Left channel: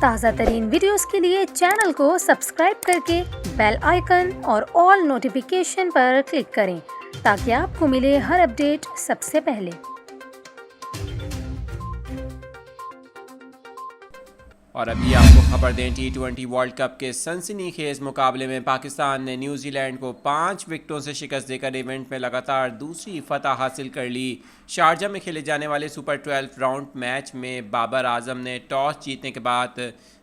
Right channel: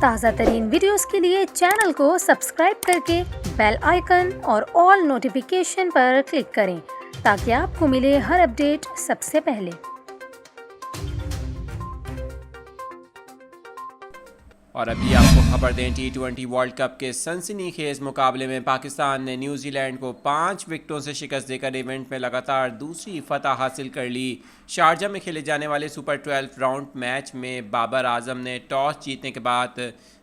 تازہ ترین ویڈیوز کے لیے چینل کو سبسکرائب کر کے بیل آئیکن اور آل نوٹیفیکیشن پر کلک کریں تاکہ آپ کو ملے ہر اپڈیٹ سب سے پہلے۔ اور ابھی آپ کو خبر دیں T20 ورلڈ کپ کے سنسنی خیز مقابلے میں پاکستان نے نیوزی لینڈ کو 5 وکٹوں سے شکست دے کر ایونٹ میں لگاتار دوسری فتح حاصل کر لی۔ شارجہ میں کھیلے جانے والے سپر 12 راؤنڈ میچ میں بابر اعظم نے ٹاس جیتنے کے بعد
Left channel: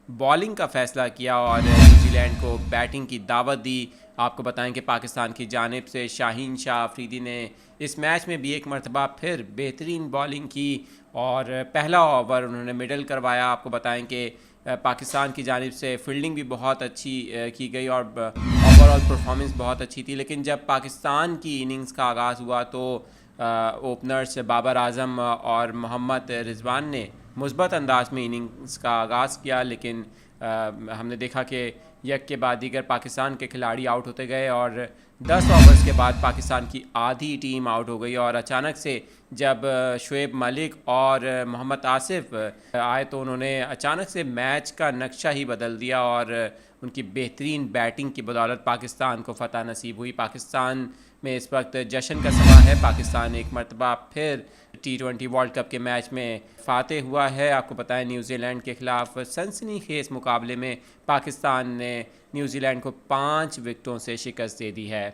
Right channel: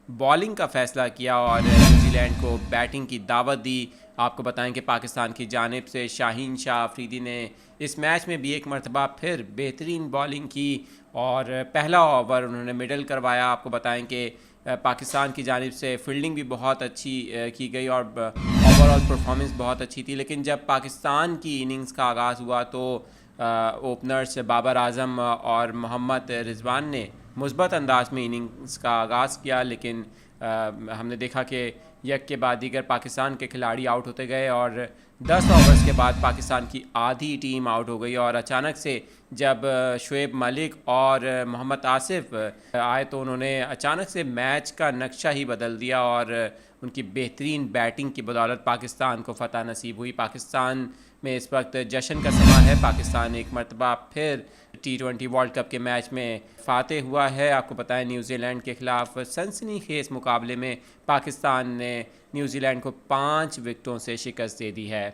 بالنگ کا فیصلہ کیا اور نیوزی لینڈ کو بیٹنگ کی دعوت دی۔ آپ کو بتائیں کہ پاکستان کی جانب سے شاہین شاہ افریدی نے اس میچ میں بھی ایک مرتبہ پھر بہترین بالنگ کی اور پہلا اوور انہوں نے مڈل کروایا۔ آپ کو بتائیں کہ پاکستان کی جانب سے فیلڈنگ بھی بہت اچھی کی گئی اور اوور آل پرفارمنس بہت اچھی تھی، لیکن جب پاکستان کی اننگز کا آغاز ہوا تو اوپنرز بابر اعظم اور محمد رضوان نے مثبت انداز میں اننگز کا آغاز کیا، لیکن ہم نے دیکھا کہ یک کے بعد دیگر پاکستان کے کھلاڑی آؤٹ ہوتے گئے اور 10 اوورز کے بعد پاکستان کی آدھی ٹیم آؤٹ ہو گئی اور اچانک سے جب شعیب ملک اور محمد آصف آئے تو انہوں نے اچانک سے میچ کا نقشہ ہی بدل دیا اور ان کی بہترین بیٹنگ کی بدولت پاکستان کو فتح نصیب ہوئی۔ پاکستان میں اس وقت جشن کا سماں ہے۔ پاکستان ایک مرتبہ پھر T20 ورلڈ کپ کے میچ میں فاتح ہوا ہے۔ آپ کو بتائیں نیوزی لینڈ کے خلاف سنسنی خیز مقابلے میں پاکستان نے نیوزی لینڈ کو 5 وکٹوں سے شکست دے دی ہے۔